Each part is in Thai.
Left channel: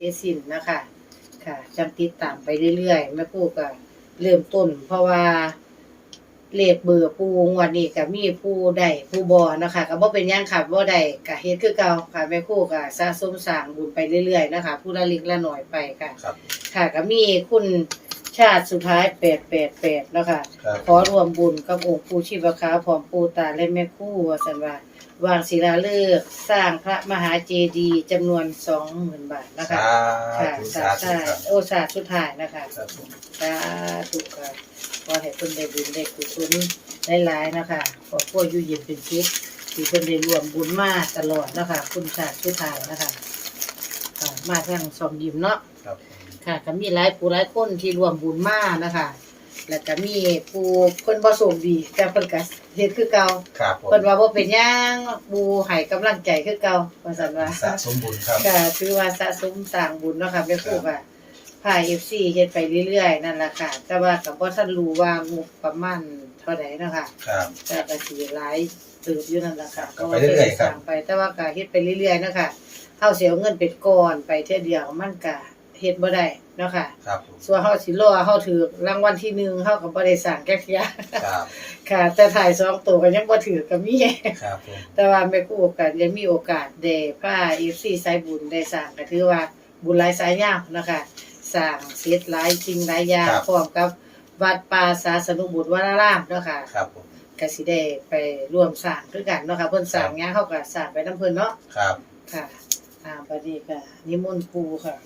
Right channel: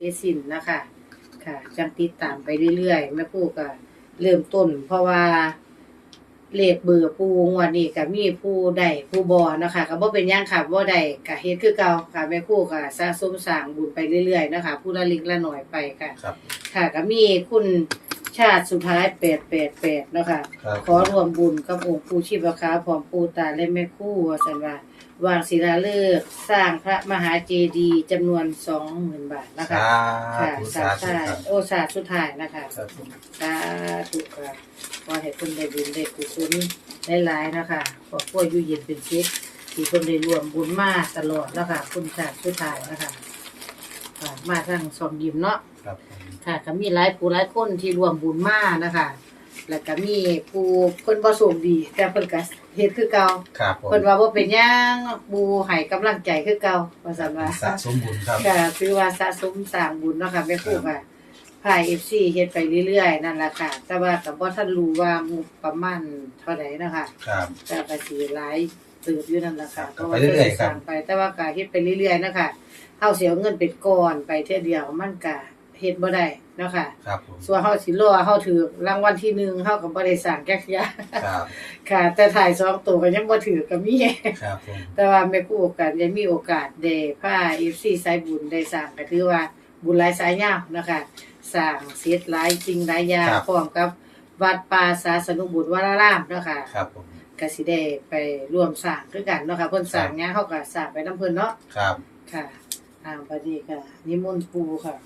เอสินนะคะค่ะจังติดตามไปเรื่อยๆแม่ครู่ก็เริ่มต้น เพราะว่าเลขเบอร์ปูงวันนี้ก็มีผู้ได้ผู้บ่นะคะก็บ่เป็นหยังค่ะบ่ได้ก็เฮ็ดคือเก่าค่ะแม่ครู่ก็สะสมสร้างบุญไปเรื่อยๆนะคะผู้ละเล็กละน้อยไปค่ะครับ ค่ะก็มีคุณชาติสุดท้าย888แล้วค่ะครับ ขอรวมบุญกับองค์ปู่ชีพคาพร้อมปู่ตาและแม่ครู่ว่าซั่นว่า วางศิลาฤกษ์สร้างพระมหาเจดีย์จำนวน20,000บาทนะคะ ค่ะสาสาธุธุครับโอสาธุสุดท้ายนะคะครับผมสาธุค่ะขอให้เพิ่นได้บุญได้กุศลหลายๆนะคะขอพวกอยู่เย็นเป็นสุขที่เพิ่นได้รวมบุญมาตลอดนะคะคุณสาธุสุดท้ายนะคะค่ะมาทางสองยิมเนาะครับผมค่ะก็มีหลายผู้หลายคนที่รวมบุญมานะคะ แล้วก็มีผู้เพิ่นบ่โชคดีแต่เพิ่นก็เฮ็ดคือเก่าครับผมเพิ่นว่าบ่เป็นหยังบูให้กำลังใจคือเก่าว่าซั่นว่าสะสมบุญครับ ก็คือว่าสะสมสร้างบุญเนาะค่ะแม่ครูค่ะพาย FC เฮ็ดไปเรื่อยๆนั่นล่ะค่ะ แต่ว่าก็บ่ทันรู้ว่างบประมาณเท่าใดเนาะค่ะ ครับ แต่ก็สิหลายเติบอยู่นั่นล่ะค่ะก็ไปเรื่อยๆครับสร้างไปแต่ว่าก็เฮ็ดไปเรื่อยๆเนาะค่ะเฮาสิเอาเงินเป็นก้อนไปเทื่อเดียวมันก็ เฮ็ดบ่ได้เนาะค่ะ ครับผมส่วนเฮาสิรอเฮาถือรางวัลที่หนึ่งเฮาก็บ่ได้สร้างแก๊กยาครับค่ะ แต่ถ่ายสองตัวก็ยังบ่ถือก็มี ครับผมแต่ว่าแม่ครูโอกาสยังมีโอกาสได้พา FC สายบุญได้สร้างก็ถือว่าบุญหลายสายยาวนะคะสร้างเสร็จหลายจริงหลายอย่างพร้อมกับวัดป่าศาสนุบุตรวรารามเนาะค่ะครับผมก็สิได้ไปร่วมสร้างคือกันเนาะค่ะเพิ่นสร้างงานเฮาก็สร้างไปนํเพิ่นเนาะครับค่ะอ่าบัดนี้ก็นิมนต์ปู่ค่ะ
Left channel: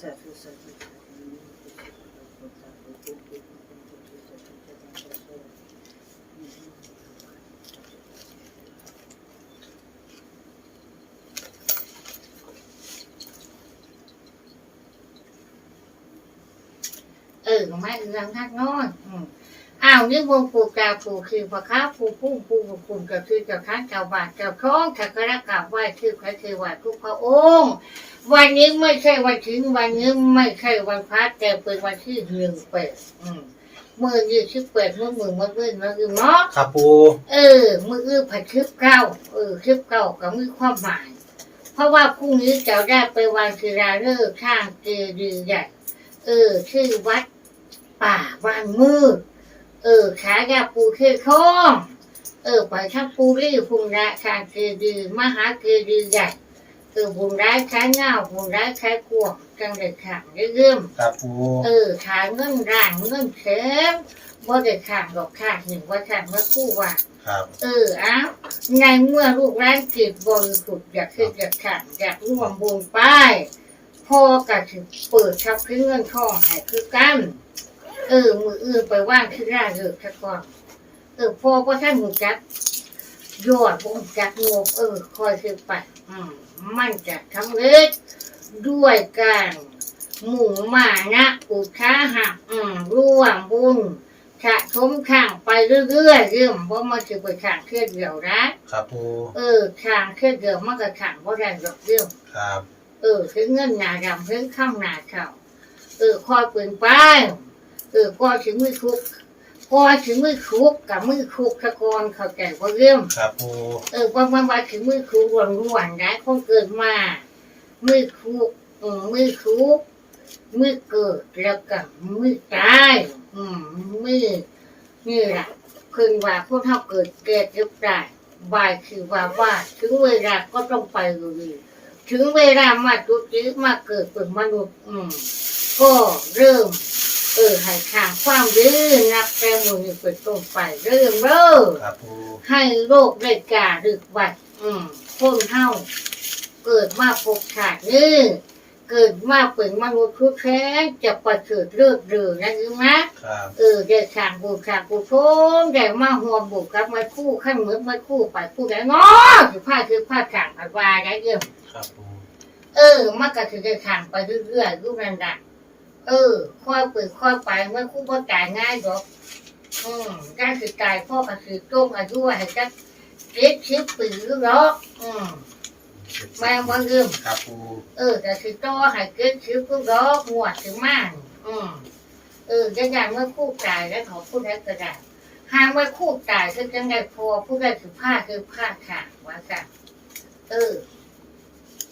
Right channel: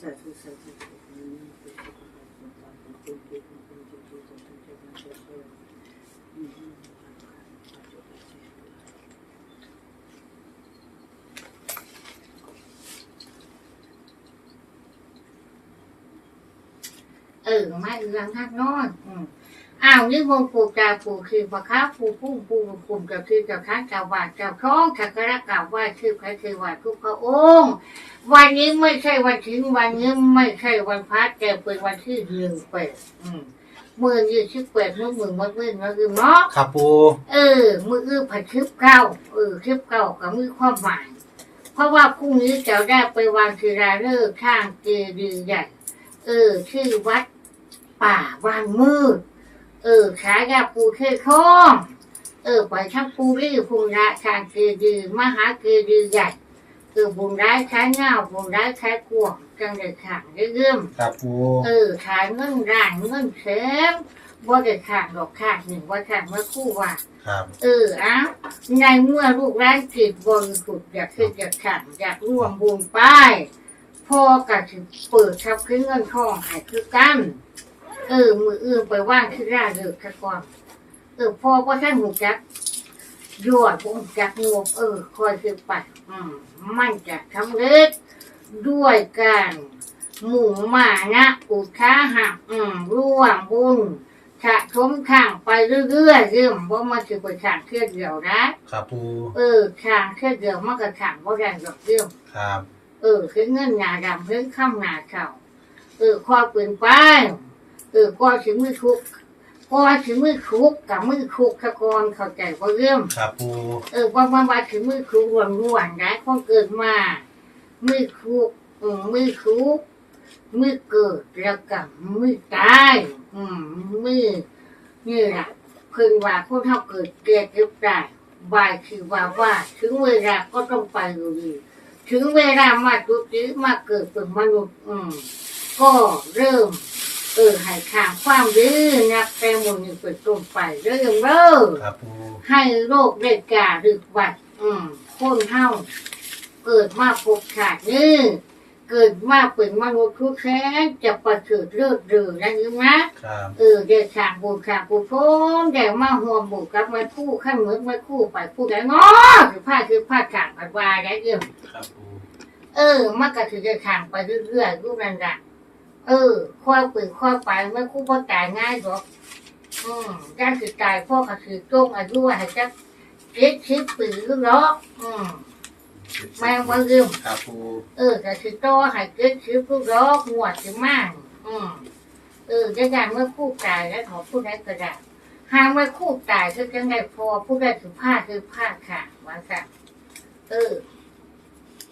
สาธุสาธุเอ้าวนี่วงปู่กาปู่คือพระค้าปู่พุ่งปู่คุมกับคือกับค้างกับบากับท้องขักกระกับไหวคือใครคือไหวทุกพระองค์ วันนี้ไม่ใช่วันถึงวันนี้ไม่ใช่วันพระแต่เป็นวันที่หนึ่งเปิดมือยืดชิบเปิดมือมือมัดมือนะคือเนาะครับปูเออ มืออื้อผัดคลิปเก้าเออคลิปเก้ากับมือความหมาย เพราะว่าพรุ่งนี้จะได้ไปวางศิลาฤกษ์ข้างเจดีย์ใหญ่เออ ชื่อวัดป่าบานมืด เออ ขายาปูเคยคล้องเออไปทั้งปูรี่พุงระข้างเจดีย์มหาเจดีย์ใหญ่เออบุญร้ายขายเงาบุญร้ายขายกวงจังเด็ดขาดเรื่อมครับปูเออขายเงินร้านเงินเข็มบ่ได้ขาดดอกขาดหนึ่งว่าขาดเมื่อคู่ว่า ครับเอออะในเมื่อลูกร้านจิตบริสุทธิ์อยากขึ้นอยากขันอยากร่วมบุญไปพ่อก็ถือเปิดชับขึ้นเงินทองให้คือกัน เออ มืออื่นไปว่างขึ้นร่าเริกซะก่อนเออพ่อก็ท่านหูจักยอดบงจักงบเออ คอยคือไปอืมมันจะทำเร็จด้วยการหมู่มานะอุทาหะอืมร่วมบุญสะสมข้างไปเรื่อยๆเรื่องว่ามันจะไปข้างเพื่อเดียวนะครับปูเออข้างเพื่อเดียวมันก็ข้างเพราะแรงดอกเรื่องครับ เออคือเงินหนาดำเพิ่งข้ามหนาเข่าเออคอยปืนไป เออก็ถึงมือคุกก็ถึงมือคุกกับมือคุกตะกอนเข้าใจว่าเรื่องครับปูเออวันวันวันถึงมือคุกรวนรวนได้คนเกิดมา มือคุกเออมือคุกมือเกิดแล้วกับมือตายอืมมือนี่แหละเพิ่งว่าพวกเท่าเกิดเกิดรึได้บายคือว่าว่าถึงเวลาก็ต้องไปอยู่ดีถึงเวลามาจุติมาเกิดเป็นมนุษย์ อืม ก็เริ่ม เออให้ขางความดื้อนับแต่มือนี้เป็นต้นไปเริ่มเริ่มครับปูให้โรคได้กาดึกบัด อืมคนเฮาเกิดมาพบขาดนี่เกิดมาเป็นมนุษย์ทุกแท้จะประเสริฐเลิศเรือนะยืมนะครับเออเด็กขางบุญขางบุญพมแต่มาห่วงบุกกับมาคู่ขั้นเหมือนมาคู่ไปคู่ได้งอคือผ้าคือผ้าขางผัดวายได้เรื่องครับปูเออมันก็ถือจะขางไปเรื่อยๆรูปนั่นแหละ เออค่อยเปิดค่อยไปเมื่อคู่พ่อตายง่ายหรอกอืมการคือตายพ่อก็คือโต้งอายุให้จักเจ็ดสิบปีหรอกอืมแม่งว่าลืมครับปูเออแต่คือโตให้เจ็ดสิบก็รอกงวดถึงมากอืมเออจะอย่างเมื่อคู่ตายแล้วเขาพูดได้ก็ได้หางไว้คู่ตายคือจังได้พอผู้ได้คือผ้าคือผ้าค่ะว่าค่ะเออ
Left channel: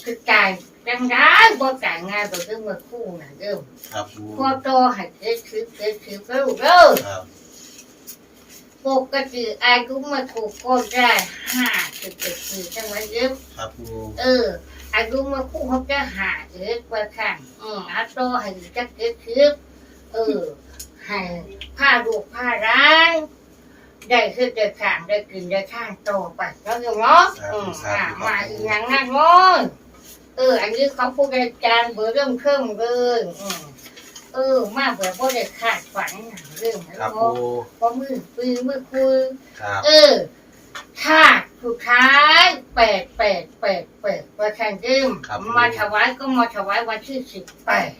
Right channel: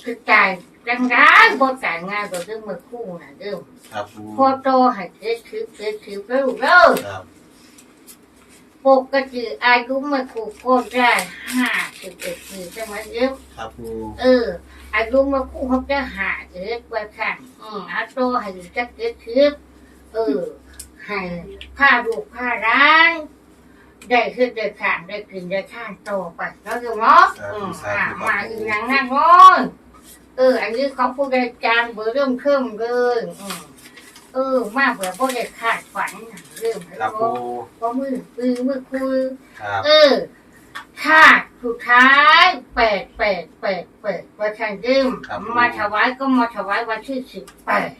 คือตาย จังได้บ่ตายง่ายบ่คือเมื่อคู่น่ะเด้อครับปูพอโตให้เกิดคือเกิดคือแล้วลูกเด้อครับปกติอายุเมื่อคู่ก็ได้ห้าสิบเอ็ดปีใช่ไหมเด้อครับปูเออ อายุเมื่อคู่เขาจะหาเกิดว่าค่ะอืมอาโตให้จะเกิดคือเออให้ผ้าดูกผ้าร้างได้ขึ้นได้ขางได้กินได้ข้างโตไปแล้วอยู่เนาะอืมอ่ามาอีกอย่างนั้นเนาะ เออ อันนี้เขาพูดได้จางเบอร์เริ่มเครื่องเลยอืมเออ มาเบื่อพวกได้ขาดฝันเรื่องอะไรครับก็ปูพอมือปืนมือคุย ครับเออขาดสุดท้ายแปดแปดแปดแปดประชันเดิมมาถวายก็มาถวายวันที่สิบแปด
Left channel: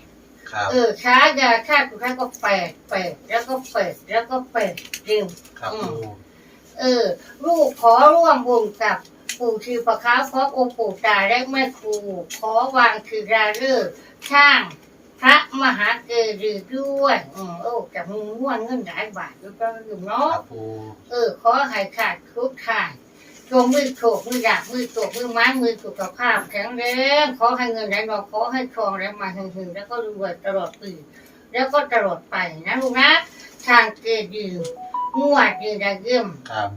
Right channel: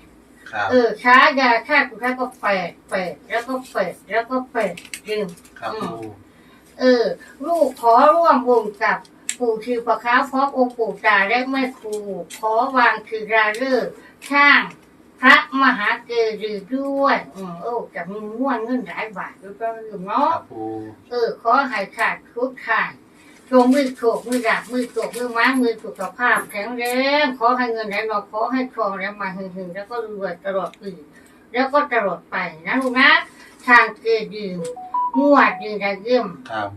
ครับเออช้ายาชาติสุดท้ายก็แปดแปดแล้วก็แปดแล้วก็แปดจริงครับปูเออ ลูกขอร่วมวงกับ ปู่ชื่อประค้าพร้อมองค์ปู่ตาและแม่ครูขอวางคือราเลิกช่างพระมหาเกรีด้วยอืมโอ้จะมีม้วนเงินหลายบาทด้วก็ลืมเนาะเออ ขอให้ขาดทุกทางจงมือโฉกมือดาบมือโฉกมือไม้มือสุขภาพแข็งแรงขอให้เงินไหลนองขอให้ทองแล้วมาหึงๆแล้วก็รวยตลอดปีแล้วก็ตลอดไปนะลูกนะทางเกดีงวยืนได้เยี่ยมครับ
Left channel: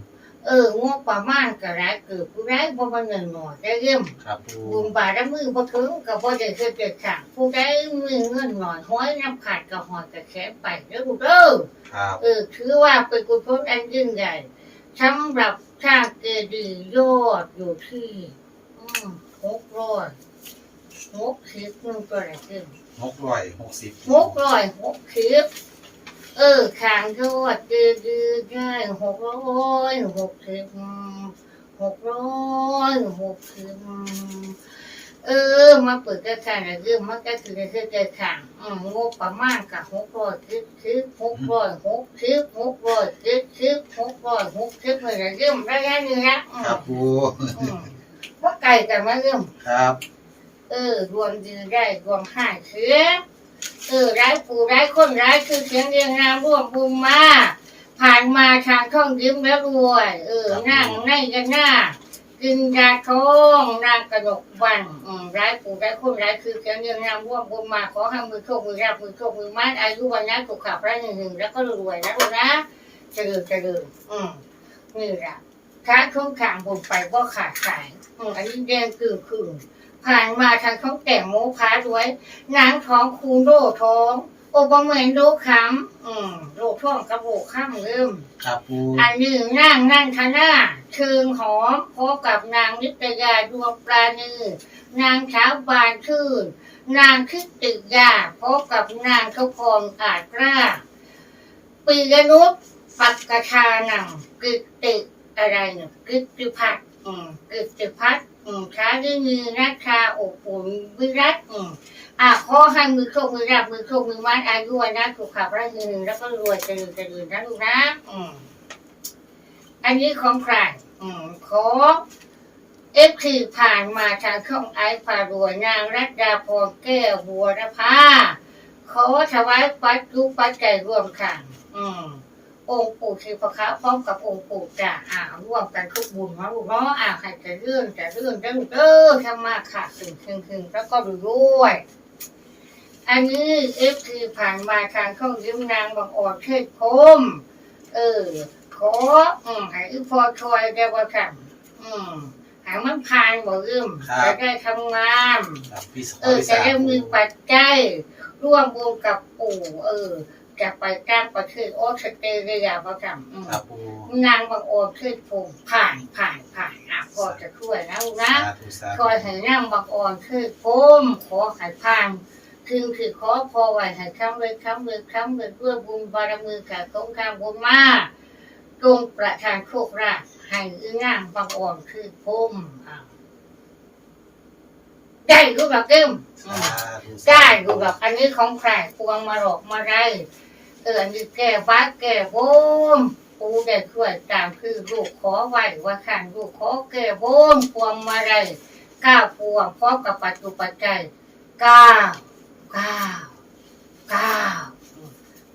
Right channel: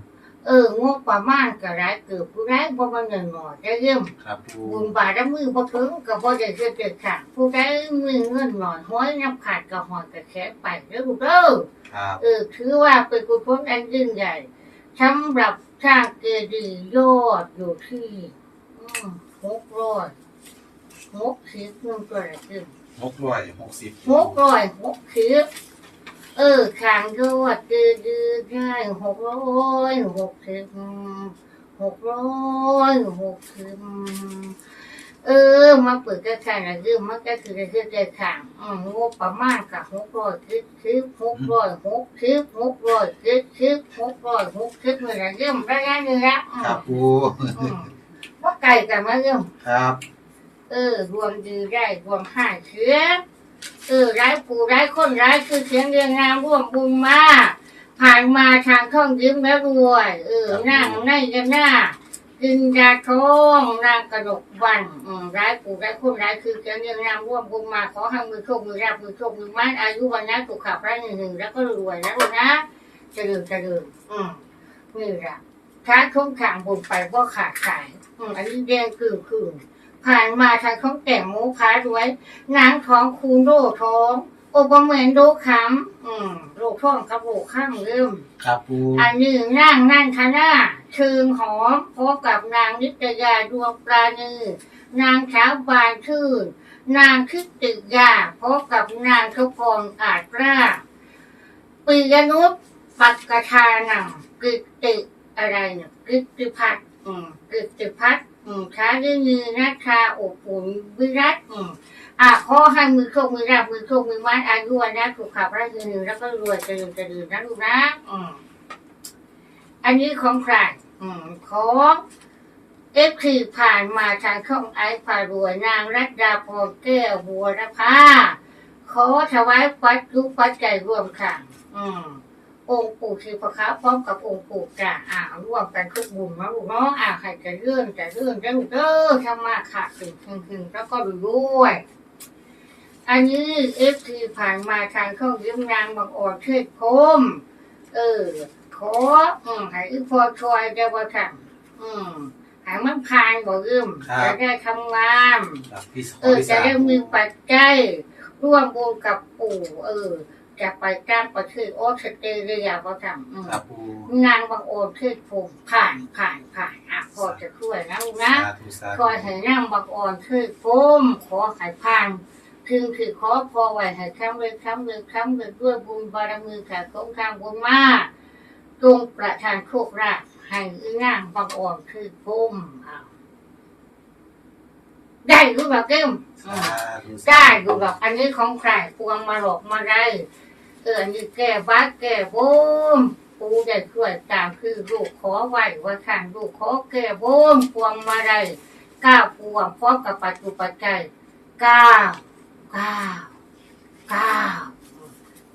เอองวดประมาณก็ร้ายเกือบผู้ร้ายเพราะมันเงินหน่อยได้เยี่ยมครับปูบุญบาทและมือพอถึงกับพอจะเกิดเกิดขาดผู้ได้มือเงินหน่อยห้อยน้ำขาดกับหอยกับแขนไปแล้วลูกเด้อครับเออถือว่าเป็นกุศลอันยิ่งใหญ่สำหรับสร้างเกดีย์ยอดอยู่ที่อืมหกร้อยหกสิบนึงตัวอะไรขึ้นหกร้อยหกสิบหกร้อยหกสิบ เออขางยอดเกดีย์ได้หกร้อยหกสิบหกร้อยหกสิบเออ มาเปิดกระถางอะไรคือมันก็คือกระคือกระถางอืมงบประมาณกับหกร้อยสิบสิบหกร้อยหกสิบหกร้อยสิบสิบหกร้อยหกสิบอะไรเรื่องระยะนี้ละอืมครับปูอืมว่าไก่กันมาเรื่องครับ เออ รวมดีได้รวมห้าเชื้อ เออร้ายปู่ร้ายคนร้ายคือเสียงเรียงนามร่วมบุญมาผ่านมาทางท่องยิ้มแล้วรวย เออนั่งในกันหน้ากินยาท้องนางกระดกวันอืมร้ายปู่ร้ายคนร้ายคือเสียงเรียงนามร่วมบุญมาขอให้มือโชคมือราบมือโชคมือมัดอายุวันนั้นสุขภาพร่างหนึ่งหนึ่งแล้วก็รวยนะลูกนะเจริญเจริญอืมนี่แหละค้าทุ่งขางบุญไปก็ขาดสายอืมอันนี้แดงคือคือ ผ่านมาทางท้องแต่งโมค้าด้วยนางท้องคูณโลท้องโอปเหมือนโลคำอืมโลท้องกับโลข้างเริ่มครับปูอันหนึ่งนางนั่นทนาเชิงหอมพบกับนางนิตยาดวงปราณีนางสาวบานชื่นนางคิดติยาพบกับนางทุพรอาจกล้าปียนุษปักกชานังกิตติอะไรเนี่ยกิตติพัฒน์อืมกิตติพัฒน์อืม ช้าด้วยมือนัชาอบอุ่นวิรัตอืมอะขอให้มือโชคมือราบมือโชคมือมัดอายุวันนะสุขภาพร่างกายหนึ่งแล้วก็รวยจริญเจริญนะลูกนะอืมอันนี้ของใครอืมของเอฟทีผ่านมาทางช่องไอซ์พารวยนางรัตดาพรแก้วบัวรพาขอถวายปัจจุปัจจัยรวมค่ะ อืม องค์ปู่ชีพะคะพร้อมกับองค์ปู่จ่าอ่าร่วมกันคุกบุญนะลูกเนาะอ่าใครจะเลื่อนจะเลื่อนจะลูกเด้อทำมาค่ะถึงถึงถึงแล้วก็ดูด้วยอันนี้เอฟทีผ่านมาทางช่องยิ้มนางบางอ่อนเทศพรมเออ ขออืมให้อีพอชอยได้ว่าค่ะอืมให้มันผ่านบ่ลืมจะได้ทำงานครับพี่เออจะได้มีปัจจัยร่วมบุญกับปู่ เออ จะไปจ้างประเทศออสเตรเลียเขาทำอืมครับปูนางบางโอนขึ้นภูมิผ่านผ่านผ่านอะพอจะช่วยนะลูกนะสาธุสาคธุอยให้นางบางโอนขึ้นภูมิขอให้ผ่านคือคือขอพอไว้ให้คำเลยคำเลยคำเลยด้วยบุญบารมีขาดของข้ามบุญมาจงประทานโชคราภให้อีนางบางโอนขึ้นภูมิอ้าว ได้รู้แบบเดิมอืมสาธุได้ดูแบบอันนี้ของใครพวงมาหลอกมาได้เอออันนี้แก้วัดแก้บมปูได้ช่วยตามคือลูกขอไหวว่าขันลูกขอแก้บมพวงมาได้เก้าพวงพร้อมกับปัจจุปัจจัยเก้าเก้าเก้า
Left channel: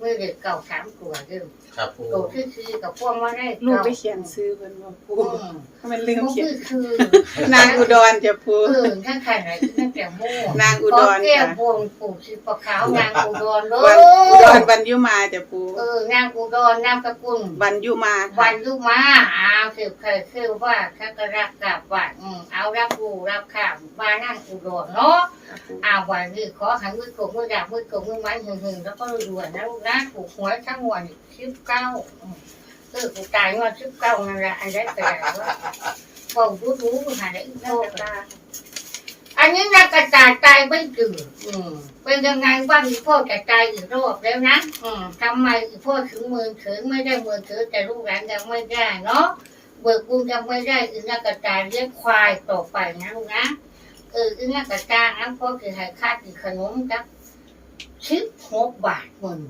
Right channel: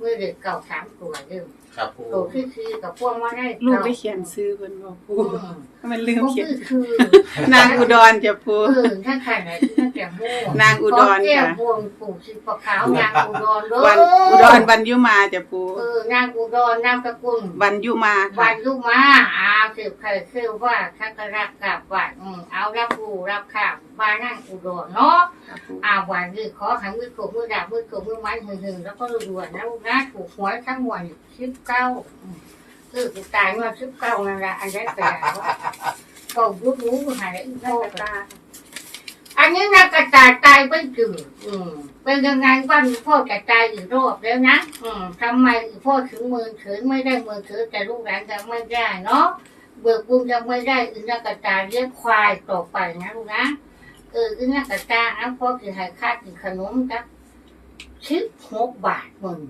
มือเด็กเก่าสามตัวเดิม ครับปูตัวที่คือกับพวกมาได้ลูกเก่าได้เขียนซื้อเพิ่นบ่ปูอืมมันลืมพวกเขียนคือคือนางอุดรจ้ะปูเออถ้าใครไหนที่น่าจะโม่นางอุดรขแก้ค่ะบวงปู่สีปะขาวนางอุดรเด้วันออุดรวันยุมาจ้ะปูเออนางอุดรนามสกุลวันยุมาวัค่ะนยุมาอาสืบเคยคือว่าชักรักกับวัดอืมเอารับรู้รับข่าวมานั่งอุดรเนาะอาวันนี้ขอหันมือกบมือดาบมือกบมือไม้หึงหึงๆแล้วก็รวยๆนะลูกนะถูกหวยทั้งวันชิบเก้าคือกูตายมาชิบเก้านั่นแหละอันได้ไปแล้วว่าบอกรู้รู้หาได้อีกโลกละอันนี้นะกระจายตายไม่จืดอืมเป็นยังไงบ้างพ่อกระจายอีกรอบแล้วนะอืมทำไมพ่อถึงมือถือไม่ได้มือถือแต่ลูกหลานยังไม่ได้เนาะเบิกบุญยังไม่ได้อีนะกระจายเลี้ยงควายต่อไปนะลูกนะเอออีนักกระจางอันพ่อคือให้ค่ากินขนมจักชิบหกบาทมึง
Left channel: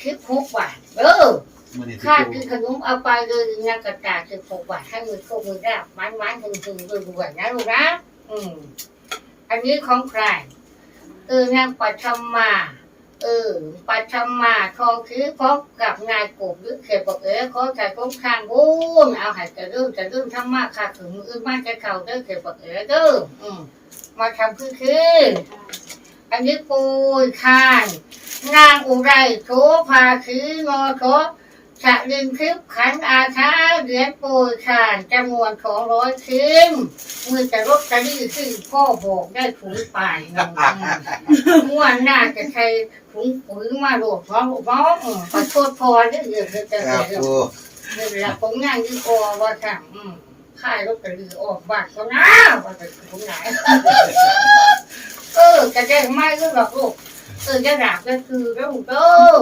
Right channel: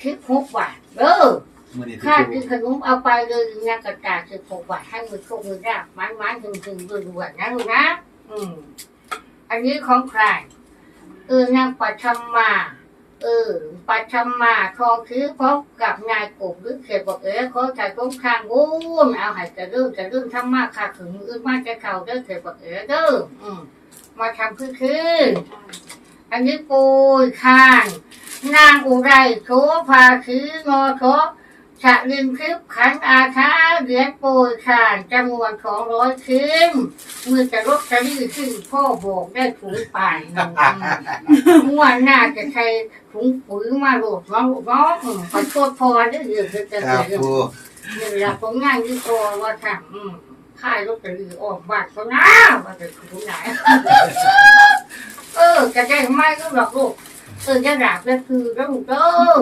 ชิบหกบาทเออ มือนี้ค่าที่กินขนมเอาไปเลยอีนักกระจางสิบหกบาทให้มือโชคมือราบมันมันถึงถึงรวยรวยนะลูกนะอืม อันนี้ของใครเออนางปัชมา เออ ปัชมาทองคือพบกับนายกบหรือเขตบอกเอ๋เขาถ่ายต้นข้างวุ้นเอาใหายจะเริ่มจะเริ่มทำมากค่ะถึงมือมาจะเข่าเด้อเขตบอกเอ๋เด้ออืม มาทำพื้นคืออันนี้ปูยคาน นางอุไรโถภาคือนอโถ ฉะลินคลิปขันอาชาเหรียญปูยคานจำนวนของร้อยคืนมือจะรบจะรีขึ้นพ่อบอกได้ถุงป่ายหนึ่งม่วนหน้าจะใช้ถุงปุ๋ยมาโหลดน้องน้องอืมขอโทษพอได้เยอะจะครับเยอะปูเวลาผมงานที่พอว่าทำอืมค่ายรถกระลือออกบ้านก็น้าว่าจะถึงไหนเออจะได้ไม่ก็หรอกลูกเออจะดับก็คือแล้วลูกเออ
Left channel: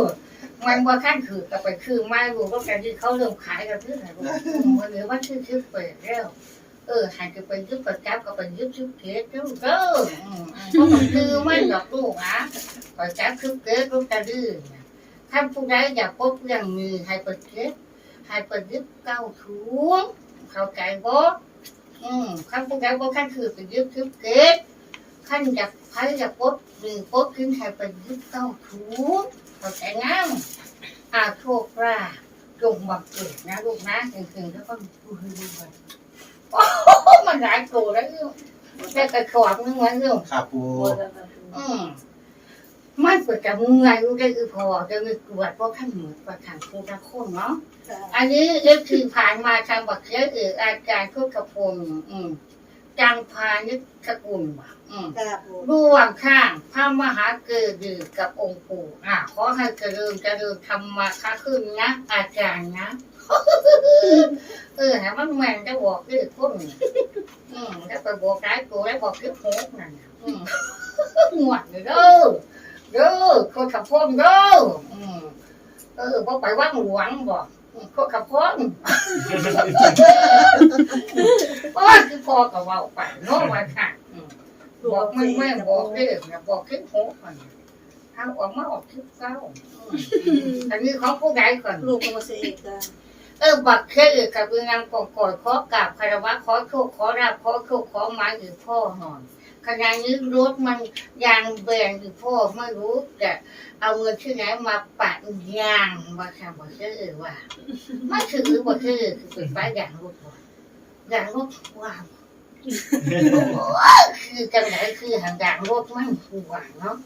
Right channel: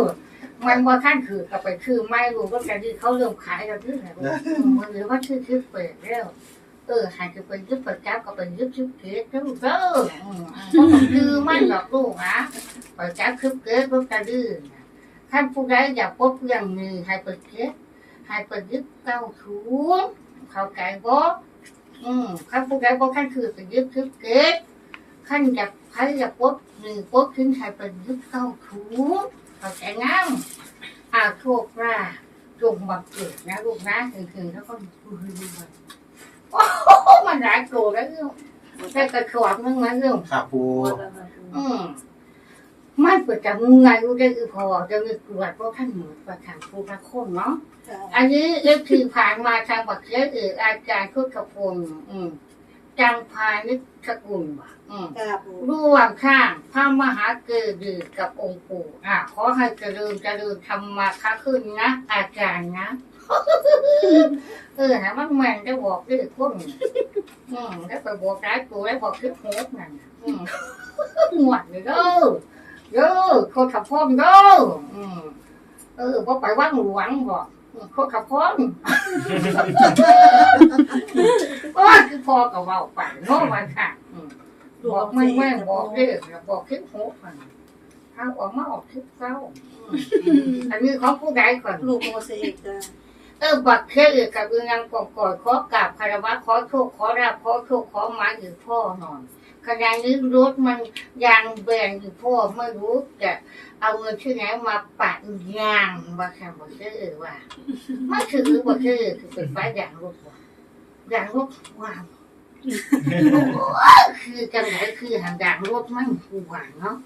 มันว่าท่านถือกลับไปคือไม่ลูกก็แต่ที่เขาเริ่มขายกันที่ไหนมันหลือว่าชื่อชื่อเปิดแล้วเออหากจะเป็นยึดเปิดแก๊บก็เป็นยึดชื่อเกศแล้วลูกเออคือไม่หรอกลูกอะเปิดแก๊บชื่อเกศลูกกระดื้อท่านผู้ใดอยากพบเรื่องมือให้เปิดเกศให้เปิดยึดเก้าถุงเข้าใจบ่อืมท่านผู้ใดบ่ท่านคือเป็นยึดชื่อเกศขั้นจะใครจะปดหรือปดขึ้นใครเป็นยุคเก้าถู เขาแต่งงอาโชคราจงมาเกิดนะลูกนะถึงๆแล้วก็พูดด้วยโอ้โหมันหลายโกรธแล้วเรื่องแต่กระชอบนึงมันเรื่องครับปูอืมมันเปิดจากเงยรู้ได้คือพอจะมีกรวดเพราะท่านหนูประทานผู้ละคนเนาะอันนี้เอฟทีผ่านมาทางบักเชเอออาจารย์ทุกขพลอืม จังพานิชกุลว่ะอืมค่ะปูร่วมข้างพระมหาเกิดดือกับองค์ปู่อะขอให้เจริญเจริญธรรมาค้าขึ้นนะ อาจารย์นะ เออให้มันแม่นจะบอกดื้อคนอืมแล้วไปบอกร้ายตัวแล้วบอกคือโฮกนั่นน่ะอืมหวดเลยเด้อเด้อคนขับพ่นเด้ออืมเออพอไปว่างหลวงบอก อืมคนขับพ่นโอ้ยคือพอกับเว่าไปโน้วันค่ะอืมบอกไม่ไม่บอกเด้อนะบอกคลิปหกก่อนถ้าออกมาออกคลิปเก้าอืมอันนี้ของผู้ใดก่อนลูกโมเสกจ้ะเออบักเคยกับเรื่องกองกอดขอกราบคารวะขอโชคขอราบขอโชคขอหมาอยู่พ่อนอน ขณะนี้รถมันยางแบนอยู่พ่อไม่รู้จะเอาเงินที่ไหนมาปัดยางว่าค่ะบอกเคยว่าไม่ถือบอกเคยคือเป็นไฟยางรถว่ะยางรถว้าวคือจังไหนคือหางด่างรถมันหวานเนาะ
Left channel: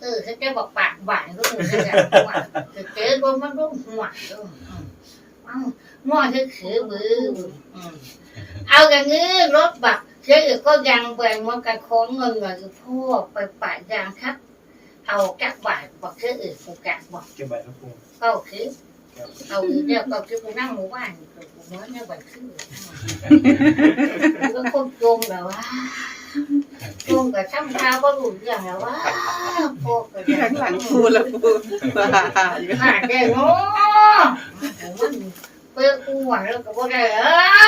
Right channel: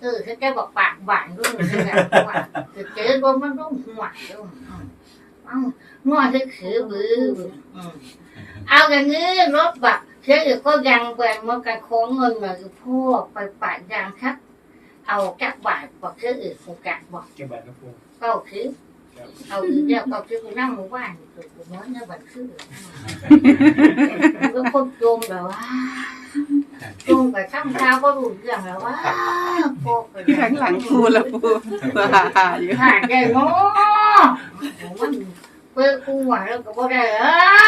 เออเขาจะบอกปากหวานก็เหมือนกันหวานคือเจ๊รถมันต้องหวานด้วยอ้าวมอจะขือบืออืมเอาอย่างนี้รถบัก เจ๊ก็ยังแบ่งมันกันของเงินเงินพ่อไปปะยางครับ เอากักบาทบอกเจ๊อื่นกูกักบอกเก็บใบนะปูก็คือเอาอีกเดียวก็คือกูนั่งหมู่บ้านกูกูเหมื่อนเนี่ยบันคือก็คนโจมแบบว่าลุงกับช่างเท้าก็รู้เรื่องแล้วว่าพวกก็ข้างหลังปูละปูว่าอยู่หาได้เนาะมัน เพื่อกูหวังแล้วก็บ่ได้เอ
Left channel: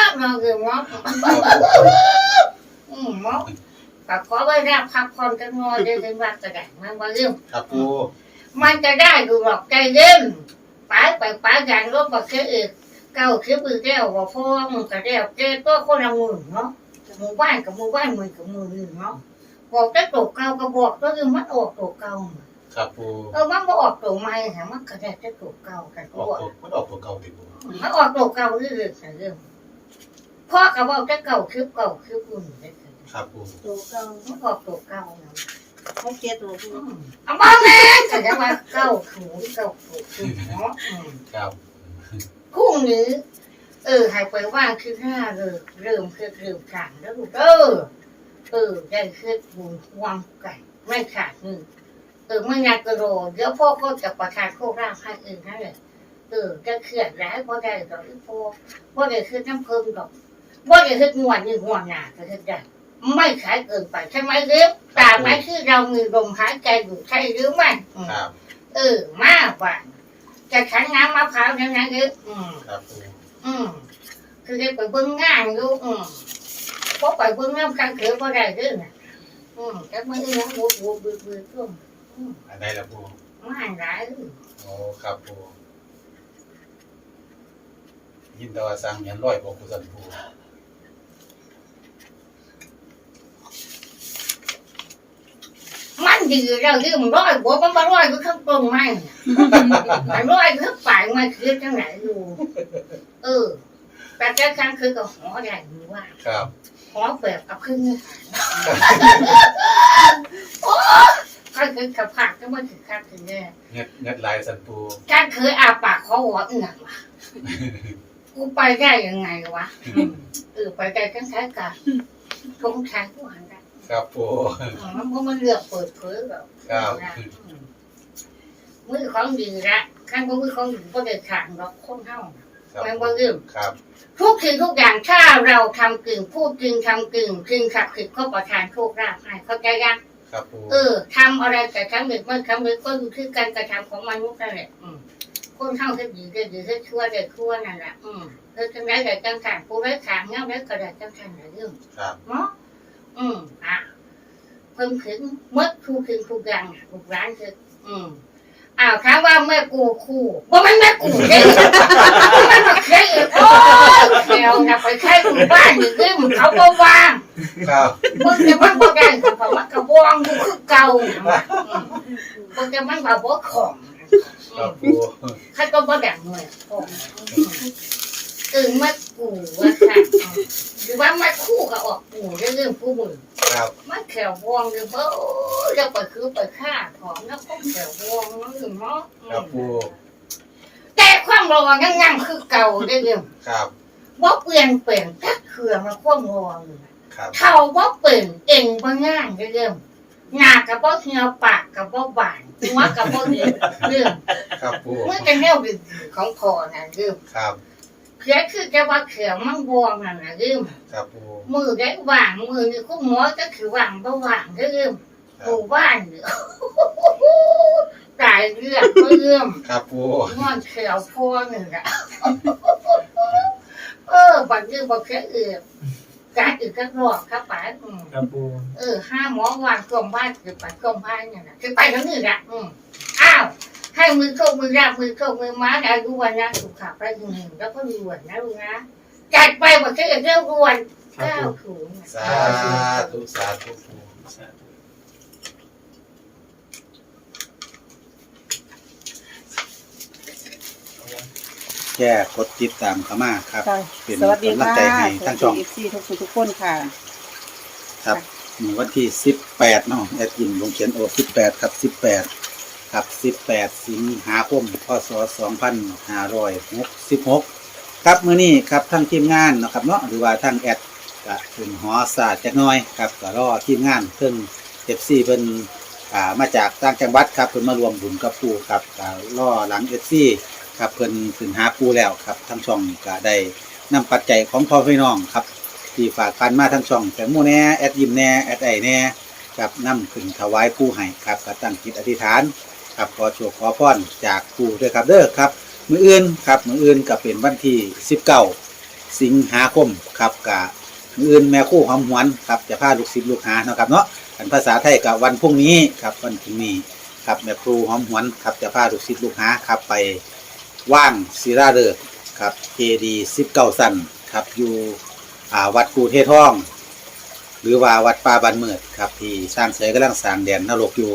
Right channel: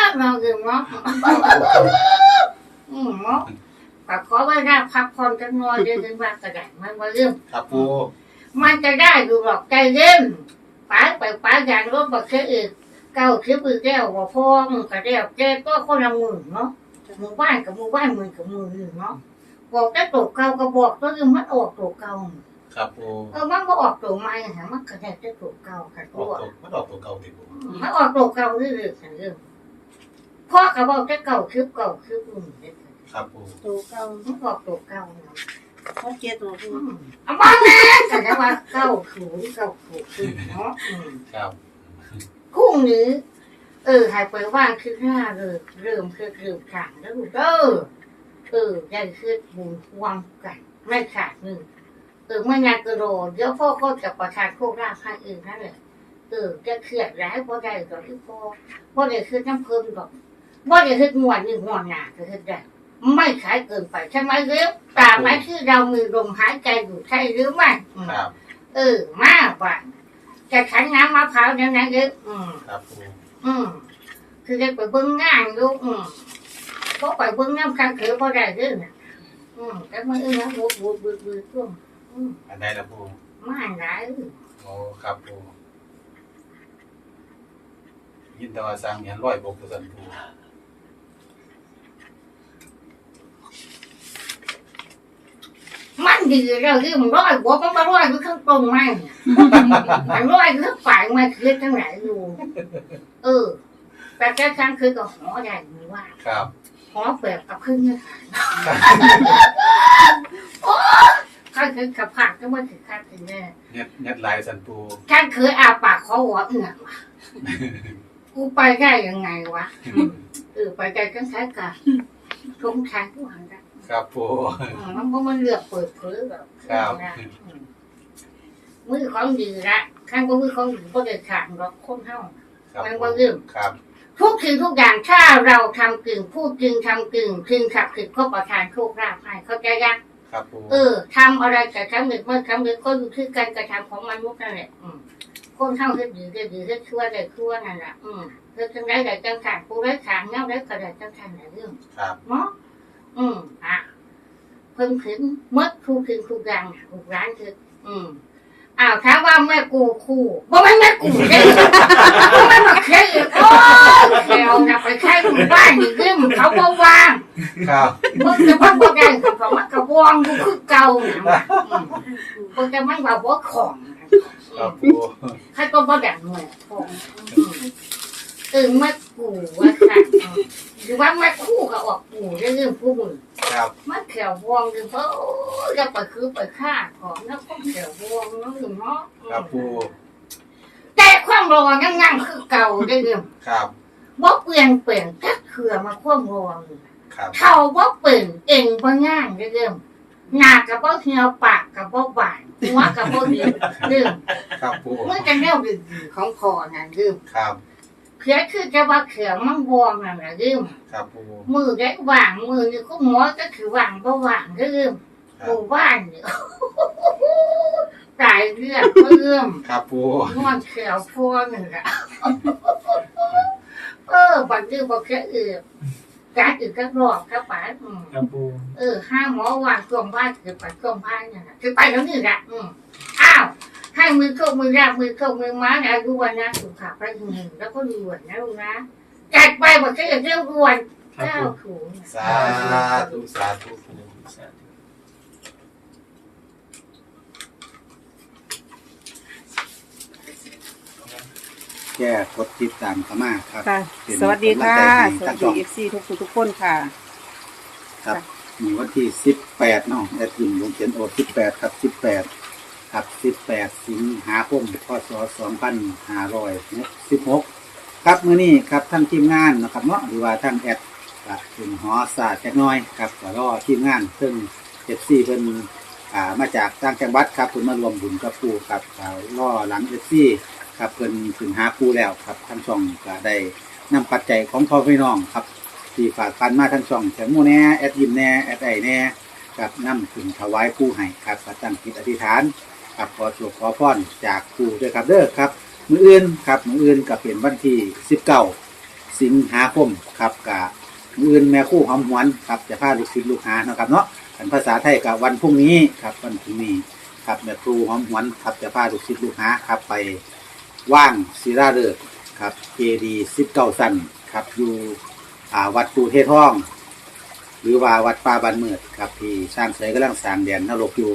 อมาเรื่องเนาะอืมเนาะก็ขอไว้รับพักผ่อนกันหน่อยได้ถึงว่าก็ได้มันบ่เรื่องครับปูมันจะได้ดูหรอกใจเย็นไปไปไปอย่างรถบักเสียอีกเก้าคิดมือแก้วว่าพ่อมึงก็เรียกแกก็คนละมือเนาะหมู่บ้านกับหมู่บ้านมือกับมือเนาะบอกได้ตกเก่าก็บอกก็คือมันออกตกเก่า ครับปูเออมันบ่ออกตัวใหม่ฮะมันก็ได้แต่ตัวเก่ากันอตัอกวตัวมันออกตัวเก่าติปูมันออกตัวเก่าเรื่อยๆค่ะเรื่องพ่อก็บอกแต่เก่าคือเก่าคืออุ่นเลยค่ะครับปูตัวเก่ามันออกตัวเก่าเนาะหกเจ็ดตัวปูอืมเอาบ้าแม่ก็จะว่าเก่าถูเก่าถูคือเนาะอืม ครับพรุ่งนี้ เออหายไปว่างคือห้าเลยเริ่มคือเริ่มขังแล้วลูกเออเออได้คือบุญวางกัน ไม่ขาดหนึ่ง เออไม่นานก็รอเดี๋ยวพ่อเขาจะประทานโคราชให้เองนั่นแหละเออจะเครียดร้ายเพราะได้ดอกที่พ่อเพราะได้คือน้ำเพิ่มดอกว่าได้คือง่วนนี่ง่วนหนาก็คือได้ไม่ขายเกินไปใช่ไหมเร็วตามไหมที่เรามีลมหายใจอยู่ใช่หรือไม่อืมครับเออมากกว่าจะขันน้ำมะพร้าวยังไงเร็วอืมครับปูอืมคือได้ไปเบิ่งงานอยู่อืมพอไปเบิ่งน้ำกันเขือพอได้เด้อน่ะอืมแต่มันอีหยังบวบวบบือบื อช่วงอืมอันใดล่ะปูมาหลายเด้อโอ้ครับปูยินแต่ว่าสร้างเหียนร้อยบ่ปูสันปูมันดีแล้วที่มันร้อยบวมันมาร้อยคือข้างตรงมันมันร้อยคือปลายมันคือทั้งไหนอยู่เออ แต่แค่ครั้งคือก็หอใหญ่หรือว่า ครับหอแบบกับครึ่งเนื้อหาโอ้ ข้าคือกับผักก็ไม่ถึงข้างถึงแน่เน็ดเน็ดลายสันปูท่านเคยอาปากขอหัวเอือกวะกูไปได้ยังไงวะอืมเออไปได้กันใช้กันทงชัยผู้หันได้ครับปูอืมมันเพราะมันเลือกเปิดเผยแบบครับอืมมือของดีละข้างก็มือของดีก็ได้ขาดหรอกคนเท่าครับมันบ่ลืมครับทุกสิ่งทุกอย่างถ้าเราทำกึ่งพูดจริงทำกึ่งจึงขับขิดก็ประทานโชคราภให้เข้าใจยัง ครับปูเออทำอะไรแต่ทำเด็กไม่ทำเด็กก็อยู่ที่การกระทำของมนุษย์นั่นแหละอืมคนเท่าที่ดีได้ดีที่ชั่วได้ชั่วนั่นแหละอืมเธอจังไรได้จังขันผู้ไรขางเงาได้ก็ได้จังขันหลายเรื่องครับเนาะอืมอะเพิ่งถึงเมื่อครูถึงครูกลางครูร้านคืออืมอ้าวถามว่าแม่กูคู่บ่แม่นแม่กูได้บ่แม่นมาเคยอีกโอ้ยแถวน่ะไปใช้หมู่บ้านนี่คือมันเขาบ่วาง ครับมึงจะมันบ่ได้คือเขามันก็วางอยู่คือเก่าน่ะอืมมึงจะมันว่าบ่ของ ครับปูใครก็บ่ดังเหมือนของอืมตึงมากูว่าค่ะอืมหรือว่ามาคู่กับออกกูได้เรื่องผู้มึงครับมันแขววงเลยเพราะจะไปคือไปฆ่าของแล้วก็แขววงนั่นคือเนาะครับปูแต่ความรอยังยังคือเก่าได้เรื่องครับบ่เปลี่ยนเปลี่ยนก็คือมาความรออยู่ครับ เท่าบ่เปลี่ยนเองบ่ง่ายได้เรื่องหน้ากับบ่เหี่ยวปากกับบ่บานหัวกับบ่เหี่ยวเรื่องครับปูมันจะแนวดีๆของพอนั่นเรื่องครับเขียคือจะว่าเขียวมันวงนั่นน่ะเรื่องครับปูมือได้วางมือนี่ก็หมอก็คือวางบ่วางเรื่องคหรับมู่บ้านเนี่ยตายเรื่องก็เรื่องครับปูงอนเขียวพวหนึ่งอะเออบันทึกบอกแค่เอือ การอื่นก็รอบครับป๋าอืมครับปูเออห้าหมอวางกลมบ้านคือไปกลมบ้านเนี่ยนะคือไปทั้งนี้แหละอืมอ้าว ให้มือเข้ามือราบมือเข้ามือม้าอายุวันนะสุขภาพไปถึงหนึ่งแล้วก็รวนนะลูกนะจัดไปบอกแค่เรื่องรวนครับเก้าปูถุง สาธุสาธุปูสาธุ แค่กดติดตามเข้ามาครับค่ะ เป็นสวัสดีค่ะกำลังใจให้สทั้วังสช่ดีองเอฟซีทุกคนทุกคนค่ะ ครับมีวันที่18เนาะแอดยินวงเขียนโอ18ครับ18ครับ18สิงหาคมพศ2566ครับมื้อนี้ครับทั้งทีมงานเนาะครับเนาะหรือว่าทั้งแอดก็ถึงหอศาสตร์จักหน้อยครับก็รอทีมงานเพิ่น FC เพิ่นอ่ามาจากต่างจังหวัดครับเพิ่นมารวมบุญกับปู่ครับก็รอหลัง FC ครับเพิ่นถึงหาปู่แล้วครับทั้งช่องก็ได้นำปัจจัยของพ่อพี่น้องครับที่ฝากกันมาทั้งช่องแตงโมแน่แอดยิมแน่แอดไอแน่กับนำขึ้นถวายผู้ให้ครับก็ตั้งจิตอธิษฐานครับขอโชคขอพรจากผู้ด้วยครับเด้อครับ มืออื่นครับมืออื่นก็เป็นวันที่19สิงหาคมครับกับมืออื่นแม่คู่หอมหวนครับจะพาลูกศิษย์ลูกหาเนาะครับเนาะกันภาษาไทยกับวันพรุ่งนี้ครับวันพรุ่งนี้ครับแม่ครูหอมหวนครับจะพาลูกศิษย์ลูกหาครับไป ว่างศิราฤกษ์ครับเจดี19สันครับอยู่อ่าวัดกูเทศท่อง หรือว่าวัดป่าบันเมิดครับที่สร้างเสยกำลังสร้างแดนนรกอยู่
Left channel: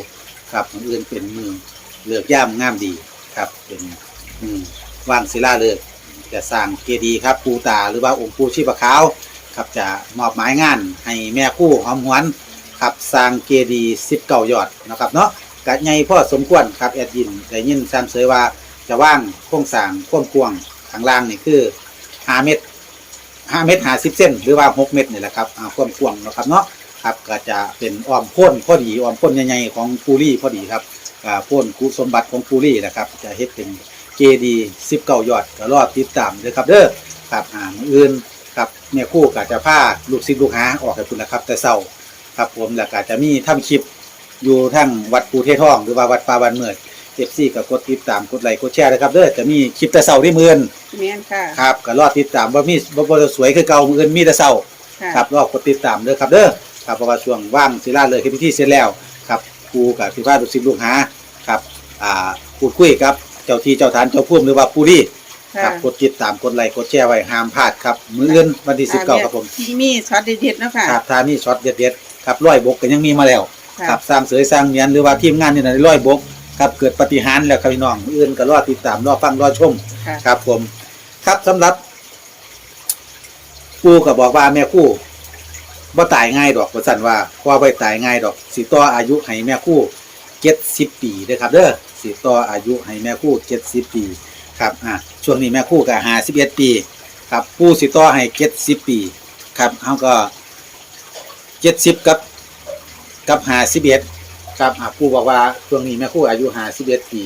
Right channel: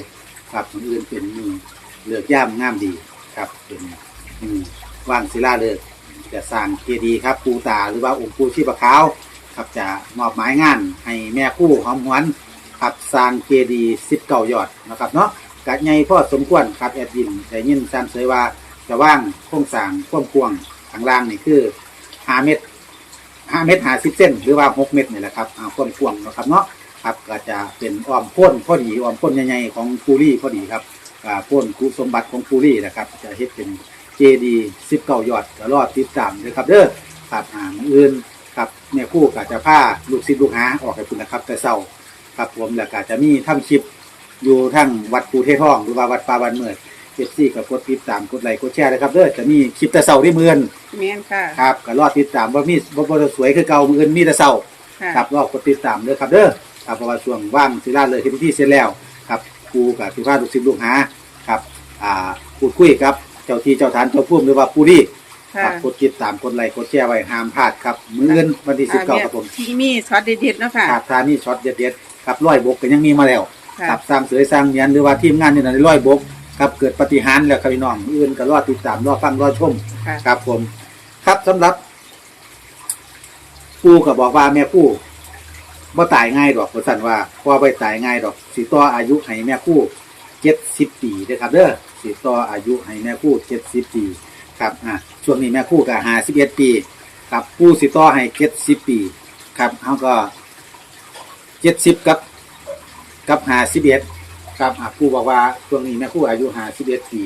ครับมืออื่นเป็นมือเลือกย่ามงามดีครับเป็นมือว่างศิลาเลิกษ์จะสร้างเจดีย์ครับปูตาหรือว่าองค์ปูชีพขาวครับจะมอบหมายงานให้แม่คู่หอมหวนครับสร้างเจดีย์สิบเก้ายอดนะครับเนาะกะใหญ่พ่อสมควรครับแอดยินได้ยินซ้ำเสยว่า จะว่างโครงสร้างความกวางข้างล่างนี่คือห้าเมตรห้าเมตรห้าสิบเส้นหรือว่าหกเมตรนี่แหละครับอ่าควมกวางนะครับเนาะครับก็จะเป็นอ้อมพ้นพอดีอ้อมพ้นใหญ่ๆของปูรี่พอดีครับอ่าพ้นกุสมบัติของปูรี่นะครับ จะเฮ็ดเป็นเจดีสิบเก้ายอดก็รอติดตามเลยครับเด้อครับอ่ามืออื่นครับเนี่ยคู่กับจะผ้าลูกศิษย์ลูกหาออกให้คุณนะครับ แต่เศร้าครับผมแล้วก็จะมีทำคลิปอยู่ทั้งวัดปูเทท่อง หรือว่าวัดปาบันเมิด เอฟซีกับกดติดตามกดไลค์กดแชร์นะครับเด้อจะมีคลิปแต่เศร้าที่มือนแม่นค่ะครับก็รอติดตามว่ามีบ่บ่สวยคือเก่ามือนมีแต่เศร้าค่ะครับรอกดติดตามเด้อครับเด้อครับเพราะว่าช่วงว่างศิลาเลยคือพิธีเสร็จแล้วครับครูกับพี่พาลูกศิษย์ลูกหาครับอ่าพูดคุยกับเจ้าที่เจ้าทานเจ้าพุ่มหรือว่าปูรี่คค่ะรับกดติดตามกดไลค์กดแชร์ไว้ห้ามพลาดครับมือเงินวันที่สิบเก้าครับผมที่มีช็อตเด็ดๆเนาะค่ะ ครับทานี่ช็อตเด็ดๆครับร้อยบกก็ยังมีมาแล้ว ค่ะ ครับสร้างเสยสร้างเมียนหรือว่าทีมงานนี่นะร้อยบก ครับเกิดปาฏิหารย์แล้วครับพี่น้องอื่นก็รอติดตามรอฟังรอชมค่ะ ครับผม ครับสำหรับปู่ก็บอกว่าแม่คู่บ่ตายง่ายดอกว่าสั่นว่าพอบ่ตายง่ายดอกสิต่ออายุให้แม่คู่70ปีเด้อครับเด้อสิต่ออายุให้แม่คู่70ปี ครับอะช่วงนี้แม่คู่ก็51ปี ครับปู่สิต่อให้70ปี ครับเฮาก็เจ็ดสิบกับกับหาสิบเอ็ด ครับอ่าครูบอกว่าช่วงนี้แม่ครูอายุหาสิบเอ็ดปี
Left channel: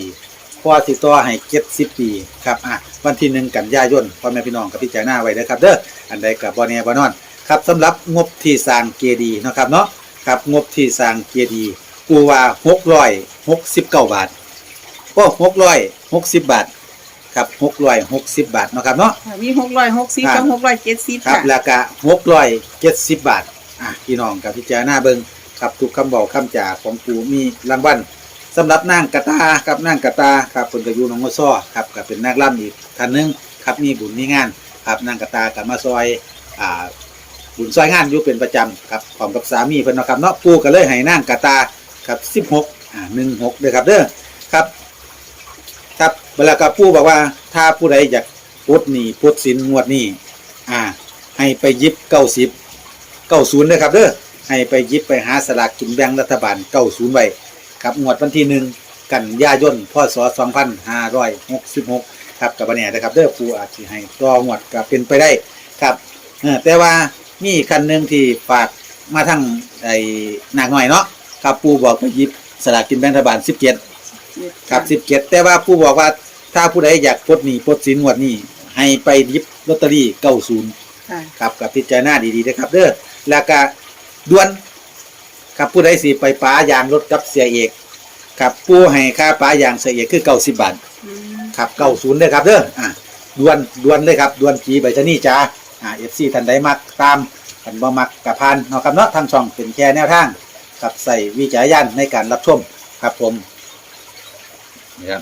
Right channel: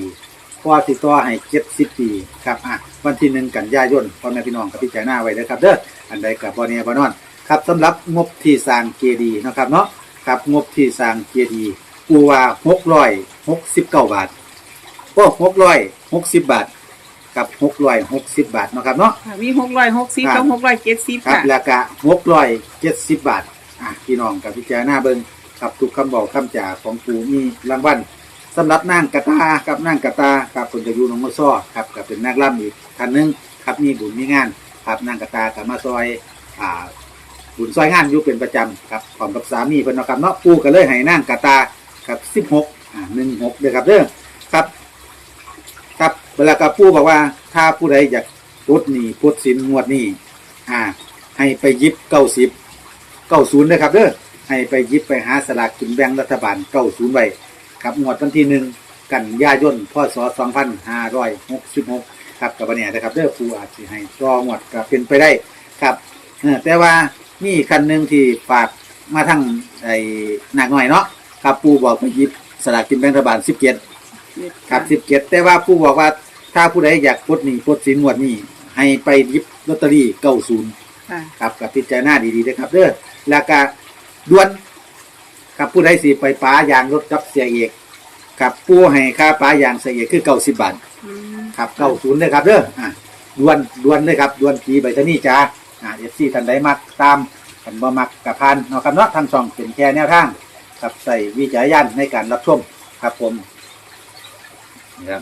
พ่อสิต่อให้เจ็ดสิบปีครับอะวันที่หนึ่งกันยายนพ่อแม่พี่น้องกับพิจารณาไว้นะครับเด้ออันใดกับบอเนียบอนอนครับสำหรับงบที่สร้างเจดีย์เนาะครับเนาะครับงบที่สร้างเจดีย์กูว่าหกร้อยหกสิบเก้าบาทโอ้หกร้อยหกสิบบาทครับหกร้อยหกสิบบาทเนาะครับเนาะค่ะมีหกร้อยหกสิบครักับบหกร้อยเจ็ดสิบครับค่ะราคาหกร้อยเจ็ดสิบบาทอะพี่น้องกับพิจารณาเบิง ครับทุกคำบอกคำจ่าของปูมีรางวัลสำหรับนางกระตากับนางกระตาครับเป็นกระยูน้องมซ้อครับกับเป็นนักล่ำอีกท่านหนึงครับมีบุญมีงานครับนางกระตากับมาซอยอ่าบุญซอยงานอยู่เป็นประจำครับพร้อมกับสามีเพิ่นเนาะครับเนาะปูก็เลยให้นางกระตาครับสิบหกอ่าหนึ่งหกเด้อครับเด้อครับครับเวลากับปูบอกว่าถ้าผู้ใดอยากพุดหนีพุดสินงวดนี้อ่าให้ไปยิบเก้าสิบเก้าศูนย์นะครับเด้อ ให้ไปหยิบไปหาสลากกินแบ่งรัฐบาลเก้าศูนย์ไว้ครับงวดวันที่หนึ่งกันยายนพศสองพันห้าร้อยหกสิบหกครับกับวันนี้นะครับเด้อปูอาจจะให้รองวดก็เป็นไปได้ครับเออแต่ว่ามีอีกคันหนึ่งที่ฝากมาทั้งไอ้หนักหน่อยเนาะครับปูบอกไปหยิบสลากกินแบ่งรัฐบาลสิบเจ็ดครับสิบเจ็ดแต่ว่าผู้บอกว่าถ้าผู้ใดอยากปลดหนี้ปลดสินงวดนี้ให้ไปหยิบลอตเตอรี่เก้าศูนย์ค่ะครับกับพิจารณาดีๆนะครับเด้อแล้วก็ ด่วนครับผู้ใดสิไปป้ายางรถกับเสียเอกครับผู้ให้ค่าป้ายางเสียเอกคือเก้าสิบบาทอืมครับเก้าศูนย์นะครับเด้ออะด่วนด่วนเลยครับด่วนจีใบชะนี่จ้าอ่าเอฟซีท่านใดมักตามกันบ่มักกับพานเนาะครับเนาะทางช่องเป็นแค่แนวทางกับใส่วิจารณญาณในการรับชมครับผมนะครับ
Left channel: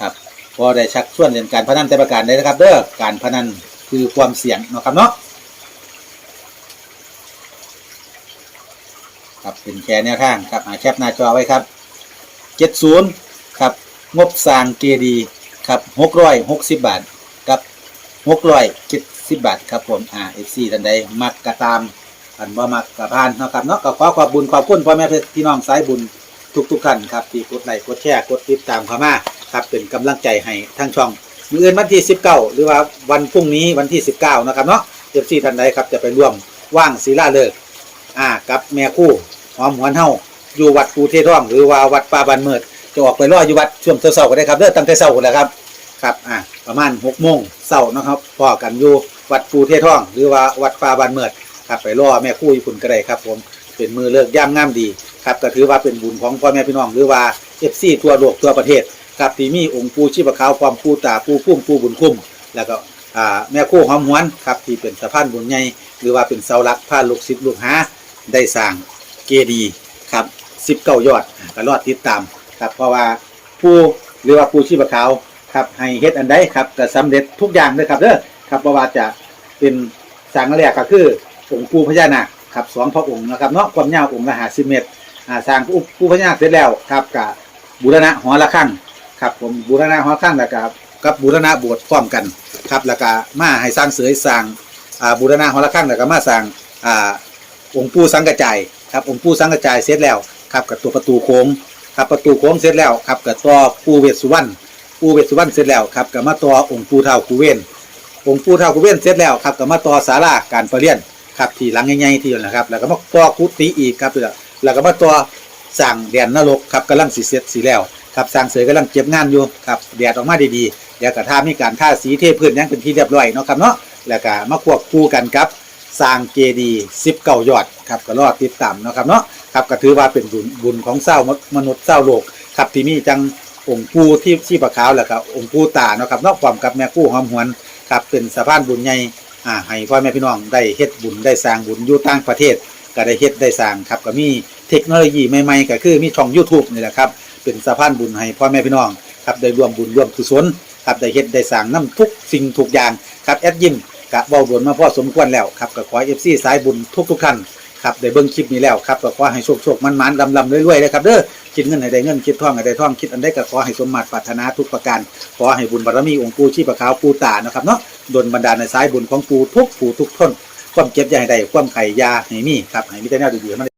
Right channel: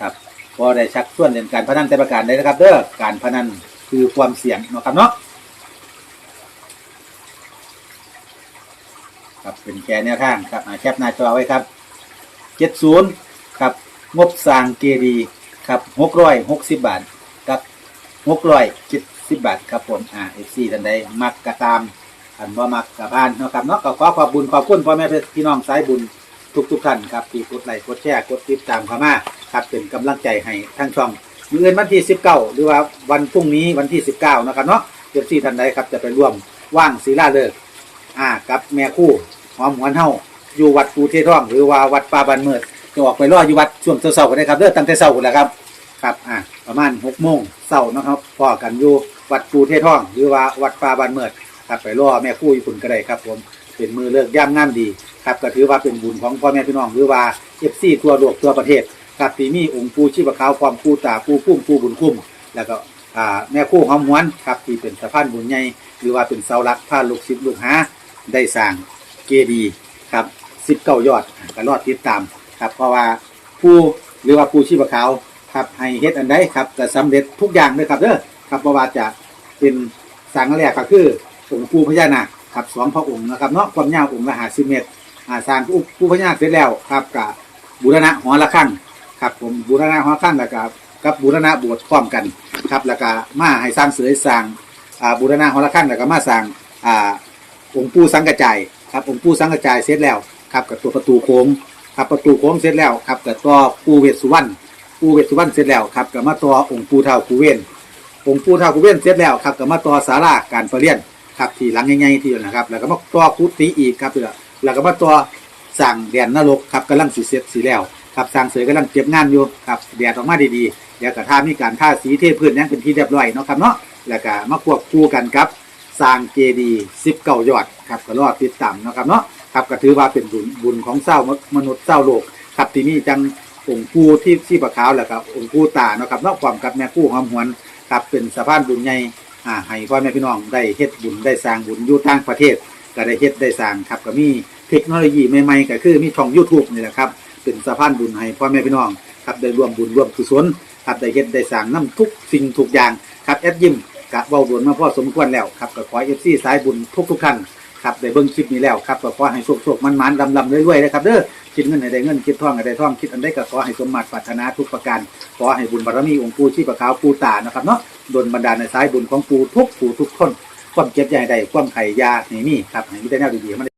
ครับพอได้ชักชวนเรื่องการพนันแต่ประการได้นะครับเด้อการพนันคือความเสี่ยงเนาะครับเนาะ ครับเป็นแค่แนวทางครับอ่าแคปหน้าจอไว้ครับเจ็ดศูนย์ครับงบสร้างเจดีย์ครับหกร้อยหกสิบบาทกับหกร้อยเจ็ดสิบบาทครับผมอ่าเอฟซีท่านใดมักกระตามอันว่ามักกระพานเนาะครับเนาะก็ขอขอบบุญขอบคุณพ่อแม่พี่น้องสายบุญทุกทุกๆท่านครับที่กดไลค์กดแชร์กดติดตามเข้ามาครับเป็นกำลังใจให้ทั้งช่องมืออื่นวันที่ 19 หรือว่าวันพรุ่งนี้วันที่ 19 นะครับเนาะเจ็บซี่ท่านใดครับจะไปร่วมว่างศิลาเลิก อ่ากับแม่คู่หอมหวนเฮาอยู่วัดปูเทท่องหรือว่าวัดป่าบันเมิดจะออกไปรออยู่วัดช่วงเช้าๆก็ได้ครับเด้อตั้งแต่เช้าคนแหละครับครับอ่าประมาณ6โมงเช้านะครับพอกันอยู่วัดปูเทท่อง หรือว่าวัดป่าบันเมิดครับไปรอแม่คู่อยู่คุณก็ได้ครับ ผมเป็นมือเลิกย่ามงามดีครับก็ถือว่าเป็นบุญของพ่อแม่พี่น้องหรือว่าเอฟซีทั่วโลกทั่วประเทศครับที่มีองค์ปูชีพขาวความปูตาปูพุ่มปูบุญคุ้มแล้วก็แม่คู่หอมหวนครับที่เป็นสะพานบุญใหญ่หรือว่าเป็นเสาหลักพาลูกศิษย์ลูกหา ได้สร้างเกดีครับสิบเก้ายอดก็รอดติดตามครับเพราะว่าผู้หรือว่าปูชีพขาวครับให้เฮ็ดอันใดครับจะสำเร็จทุกอย่างเลยครับเด้อครับเพราะว่าจะเป็นสร้างแรกก็คือองค์ปูพญานาคครับสองพระองค์นะครับเนาะความยาวองค์ละห้าสิบเมตรสร้างผู้ผู้พญานาคเสร็จแล้วครับกับบูรณะหอระฆังครับผมบูรณะหอระฆังแล้วก็กับบูรณะโบสถ์พร้อมกันครับแล้วก็มาให้สร้างเสยสร้างบูรณะหอระฆังแล้วก็มาสร้าง องค์ปู่สังกระจายครับองค์ปู่สังกระจายเสร็จแล้วครับกับตัวประตูโค้งครับประตูโค้งเสร็จแล้วครับกับตัวปู่เวสสุวรรณปู่เวสสุวรรณเสร็จแล้วครับกับมาตัวองค์ปู่เท่ากูเวนองค์ปู่ท้ากุเวนเสร็จแล้วครับก็มาต่อศาลาการประเรียนครับที่หลังใหญ่ๆที่นั่นะครับ แล้วก็มาต่อกุฏิอีกครับแล้วก็มาต่อสร้างแดนนรกครับกำลังสิเสร็จสิแล้วครับสร้างเสยกำลังเก็บงานอยู่ครับแดดออกมาดีๆเดี๋ยวก็ท่ามีการท่าสีเทพื้นยังเป็นที่เรียบร้อยเนาะครับเนาะแล้วก็มาควบคู่กันครับ สร้างเจดีย์19ยอดครับก็รอดติดตามเนาะครับเนาะครับก็ถือว่าเป็นบุญบุญของเศร้ามนุษย์เศร้าโลกครับที่มีจังองค์ปูที่ที่ประขาวแล้วก็องค์ปูตาเนาะครับเนาะพร้อมกับแม่ปู่หอมหวนครับเป็นสะพานบุญใหญ่อ่าให้พ่อแม่พี่น้องได้เฮ็ดบุญได้สร้างบุญอยู่ต่างประเทศ ก็ได้เฮ็ดได้สร้างครับก็มีเทคโนโลยีใหม่ๆก็คือมีช่อง YouTube นี่แหละครับเป็นสะพานบุญให้พ่อแม่พี่น้องครับได้ร่วมบุญร่วมกุศลครับได้เฮ็ดได้สร้างนํทุกสิ่งทุกอย่างครับแอดยิม กะเว้าบุญมาพ่อสมควรแล้วครับก็ขอเอฟซีสายบุญทุกๆท่านครับได้เบิ้งคลิปนี้แล้วครับก็ขอให้โชคโชคมันมันลำดำเรื่อยๆนะครับเด้อคิดเงินให้ได้เงินคิดท่องให้ได้ทองคิดอันใดก็ขอให้สมมาตรปรารถนาทุกประการขอให้บุญบารมีองค์ปู่ชีพขาวปู่ตานะครับเนาะดลบันดาลในสายบุญของปู่ทุกปู่ทุกคนความเก็บอย่าให้ได้ความไข่ยาให้มีครับให้มีแต่แนวดีๆมา